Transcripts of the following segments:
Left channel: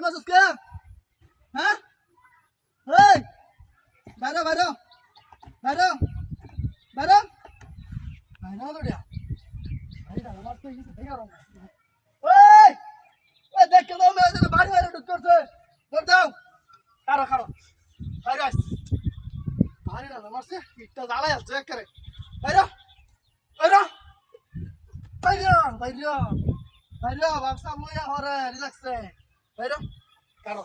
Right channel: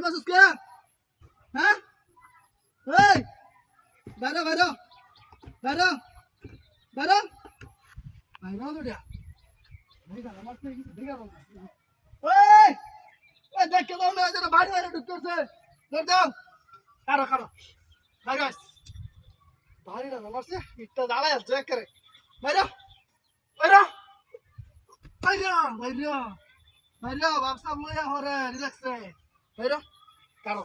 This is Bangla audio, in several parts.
বাড়ি মাসুস কে হ্যাঁ এই বাইরে বাইরে বাইরে বাইরে বাইরে তো দিয়া বাইরে আমার তো কিছু দেখে রো ওই ওই দেখে দাও না যেন বাড়ি বাইরে ঢুকতেছে ধর দাও কারো কারো ভাই গাইস বাড়ি না আমার সে ইটটা জ্বালায় আছে করে বাইরে বাইরে বাইরে বাইরে বাইরে ব্যবসা বলে হরে রিল্যাক্সে বাইরে কারো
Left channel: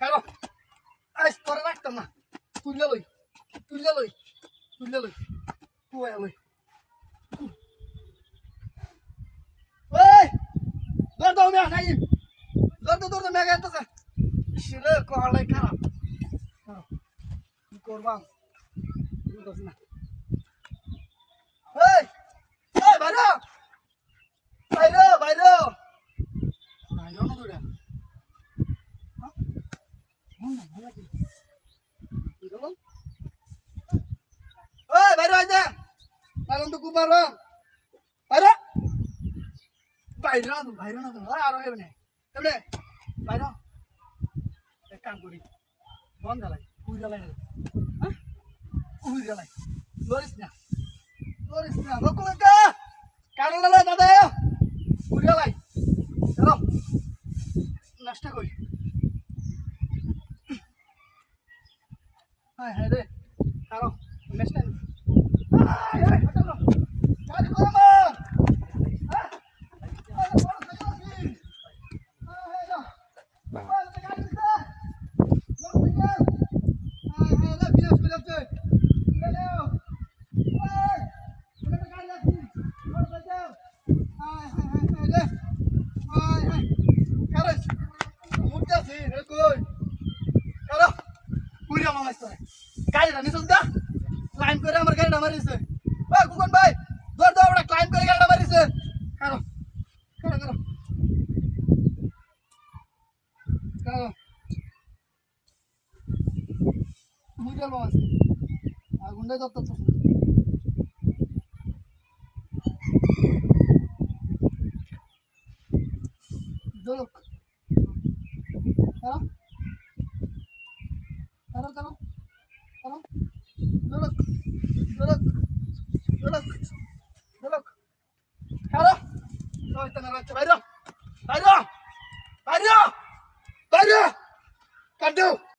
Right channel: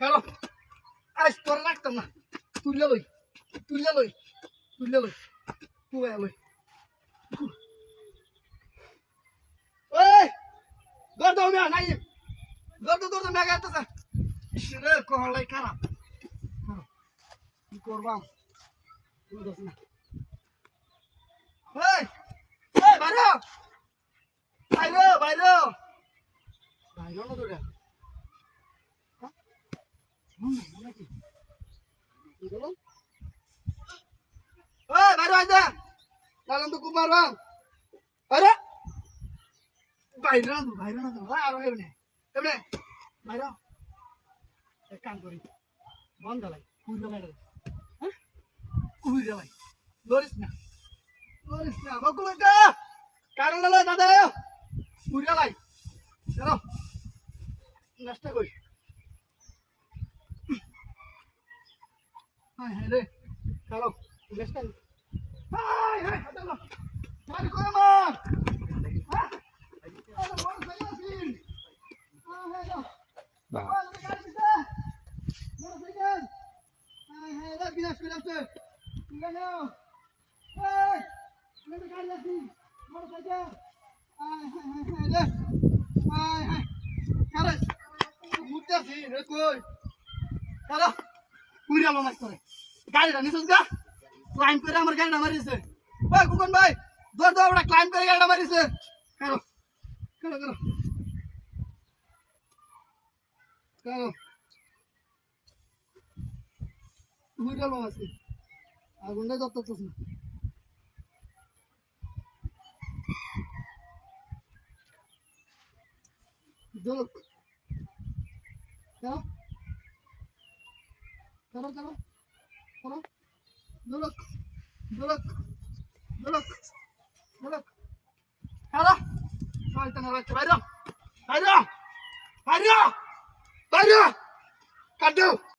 কারো আজ তোরা রাখতাম না তুলে লই তুলে লই তুলে লই তুই লই ওই দর দাও না নাই দর মেঘ আসতেছে ইসরে কহলাই খারাপ কি করবাম বুঝছ না এই এই বাইরে বাইরে বাইরে বাইরে না তোরা ওই বাইরে আইদা তাহলে তো খুব মারবাম আরে বাইরে না তো আর এমনি এমনি বাইরে এক কাম করি বন জ্বালাই কুই জ্বালাই হ্যাঁ কুই জ্বালাই লরিস না বকুলটা কারণ হলো দাদা কুই জ্বালাই চলো নষ্ট করি হায় হায় রে কারো নষ্ট হায় হায় চলো গাড়ি করো হ্যাঁ বড় সাইকেল আছে হ্যাঁ হ্যাঁ না গাড়ি দিতে বড় সাইকেল হায় হায় রে বিনাশ করে যাচ্ছে তুলে নাও এই তুলে গাড়ি লাগছি বড় সাইকেল হায় হায় হায় রে হায় হায় কারো মুটতাছি রে কই কারো পুরি আমার মাছ করে গাড়ি রানিস গা ক্লাইম করে আমার গাড়িটা মারিছে ওই কুকন ভাই দৌড় দাও আমরা ক্লাইম করে গাড়িটা মারিছে কারো কারো কারো কারো তুই গেল মাছ আগুনটা দত্ত তো দোলক কারো কারো কারো কারো দোলক দোলক দোলক দোলক কারো শয়তান বাচ্চা বাইরে বাইরে বাইরে বাইরে কাটু